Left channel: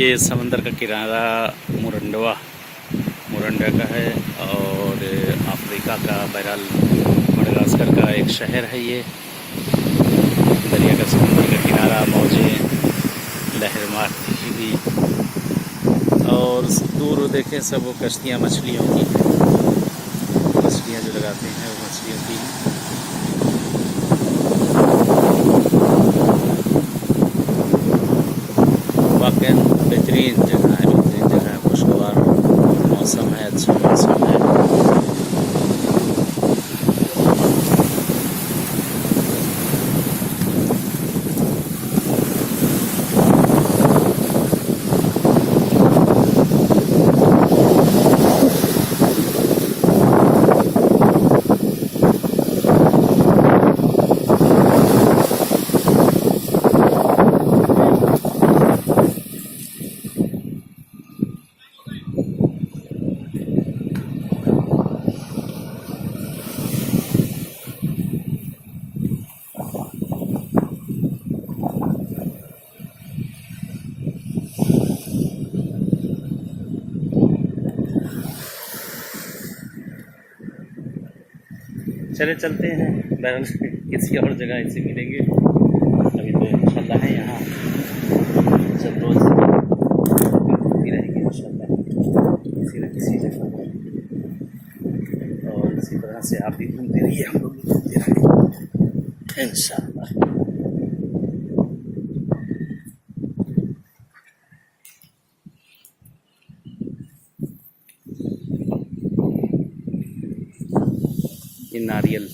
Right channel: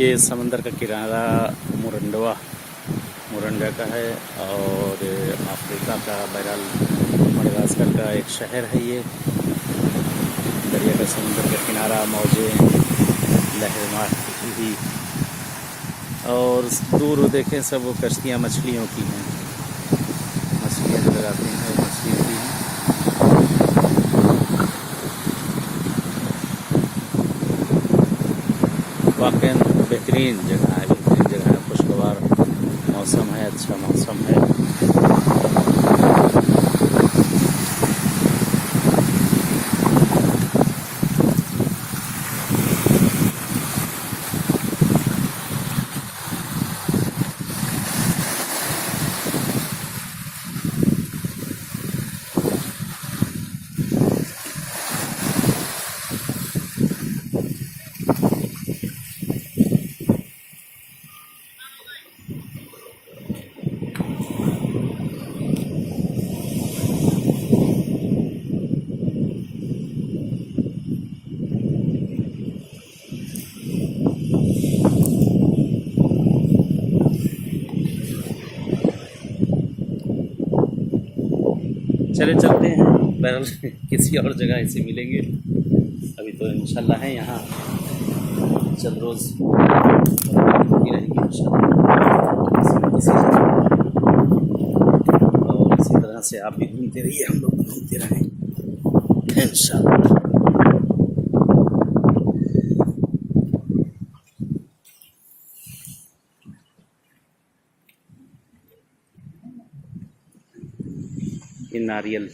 ये समंदर का किनारा मुरंडा का है और अफ्रीका का बहरहाल मडगास्कर का एक शहर है। ये दरिया का समंदर का किनारा, मौजें लहर मारती हुई और दूर देखें सब वो कश्तियाँ मछलियों की हैं। मछलियाँ जो लगाते हैं वो मछलियों की हैं। वाकई बेहतरीन जगह है, खुशगवार मौसम है, अच्छा मौसम है। चले चलते हैं, बहरहाल किसी और जगह ऐसे मिलेंगे। अभी तो इंशाल्लाह है यहाँ जब रोज़ होती रहेगी इंशाल्लाह किसी न किसी जगह। और इसी तरह से आप भी घूमते रहिए, हम लोग घूमते रहेंगे इंशाल्लाह। ये नारियल